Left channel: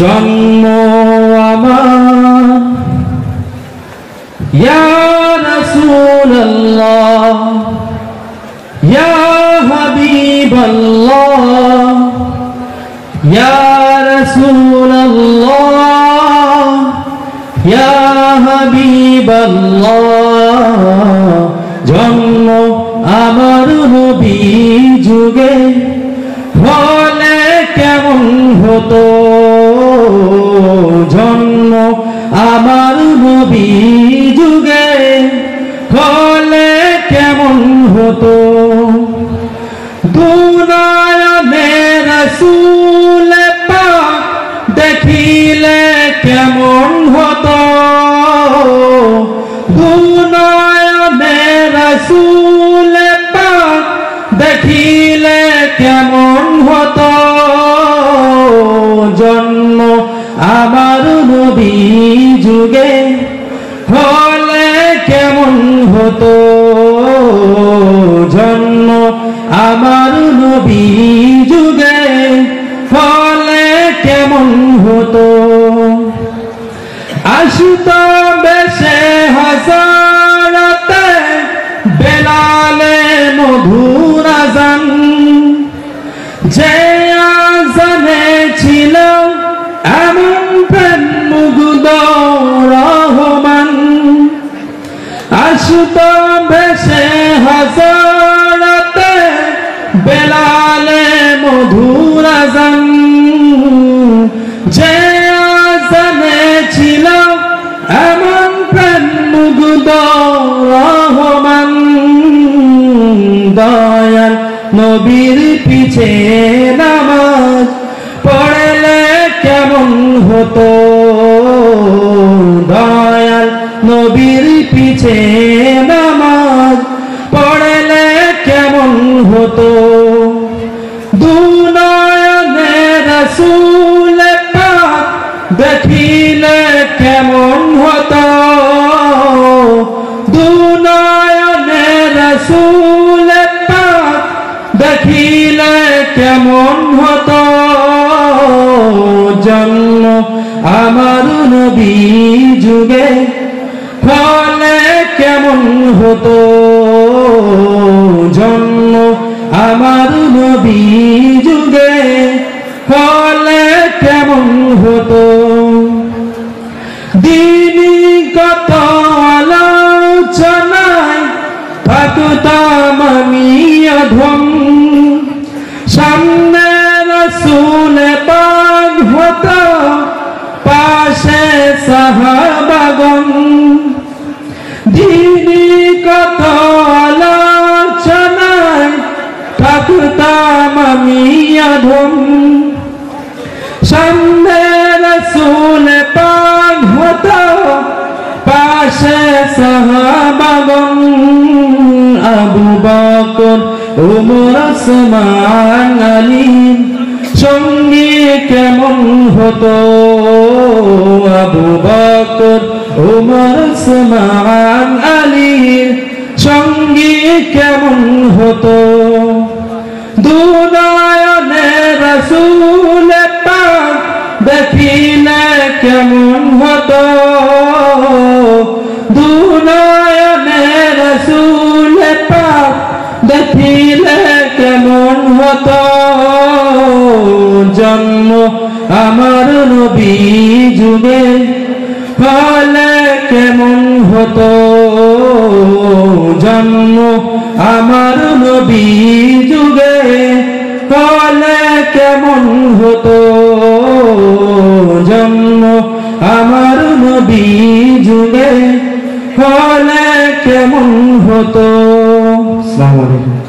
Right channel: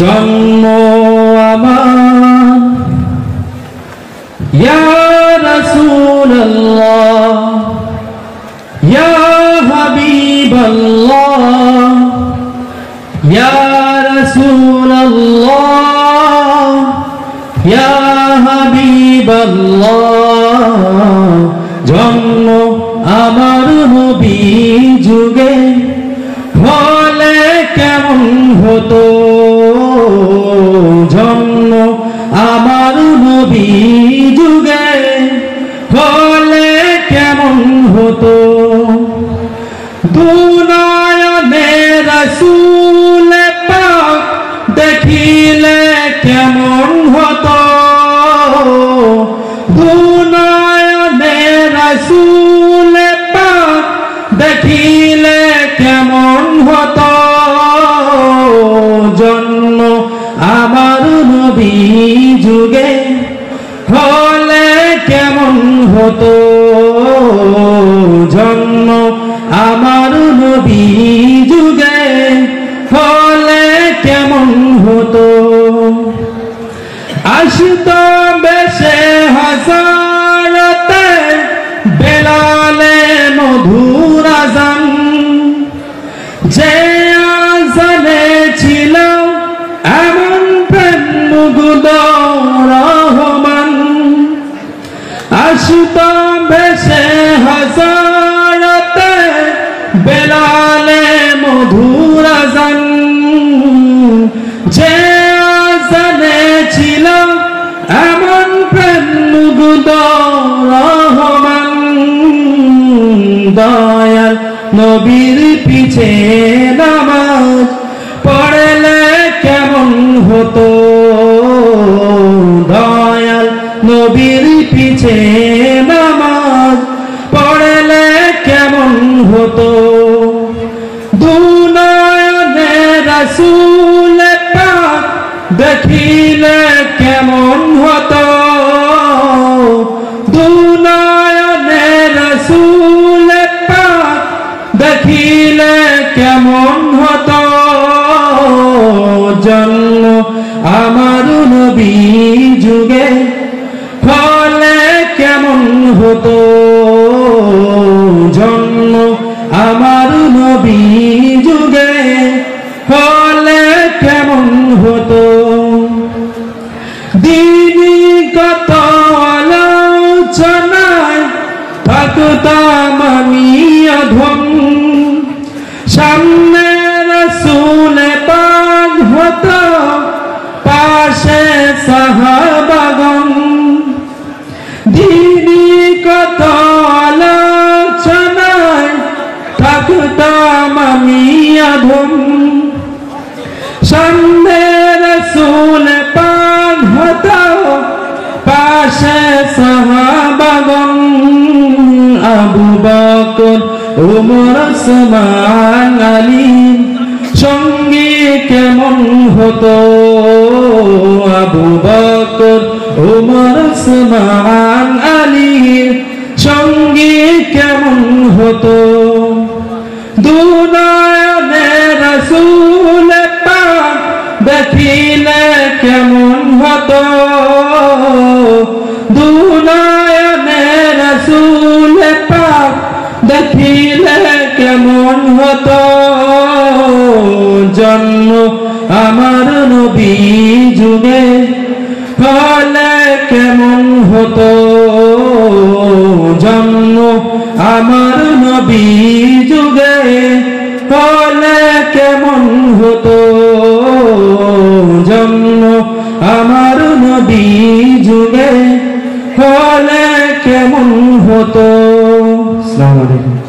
জন্ম আমার ইয়া রাসূলুল্লাহ ইয়া হাবিবাল্লাহ ইয়া রাসূলুল্লাহ ইয়া হাবিবাল্লাহ জন্ম আমার নবী যুগে হলে কেমন হতো জন্ম আমার নবী যুগে হলে কেমন হতো দুনিয়াতে রাসূল পাক দেখিলে কেমন হতো দুনিয়াতে রাসূল পাক দেখিলে কেমন হতো জন্ম আমার নবী যুগে হলে কেমন হতো জন্ম আমার নবী যুগে হলে কেমন হতো আসতো বেশে হাজারতে বেলালে মধুর আযান যে আযানে ছিল এমন প্রেম মুগ্ধ রহমান আসতো বেশে হাজারতে বেলালে মধুর আযান যে আযানে ছিল এমন প্রেম মুগ্ধ রহমান দয়াল নবীর পিছে নামাজ পড়লে কেমন হতো দয়াল নবীর পিছে নামাজ পড়লে কেমন হতো দুনিয়াতে রাসূল পাক দেখিলে কেমন হতো দুনিয়াতে রাসূল পাক দেখিলে কেমন হতো জন্ম আমার নবী যুগে হলে কেমন হতো জন্ম আমার নবী যুগে হলে কেমন হতো দিনী কত আলোচনায় থাকতাম আমি অধম সামনে রাসূল পাক হতো পাশে সাহাবাগণ দিনী কত আলোচনায় থাকতাম আমি অধম সামনে রাসূল পাক হতো পাশে সাহাবাগণ আবু বকর ওমর ওসমান আলী সঙ্গী কেমন হতো আবু বকর ওমর ওসমান আলী সঙ্গী কেমন হতো দুনিয়াতে রাসূল পাক দেখিলে কেমন হতো দুনিয়াতে রাসূল পাক দেখিলে কেমন হতো জন্ম আমার নবী যুগে হলে কেমন হতো জন্ম আমার নবী যুগে হলে কেমন হতো জন্ম আমার নবী যুগে হলে কেমন হতো। আসসালামু আলাইকুম।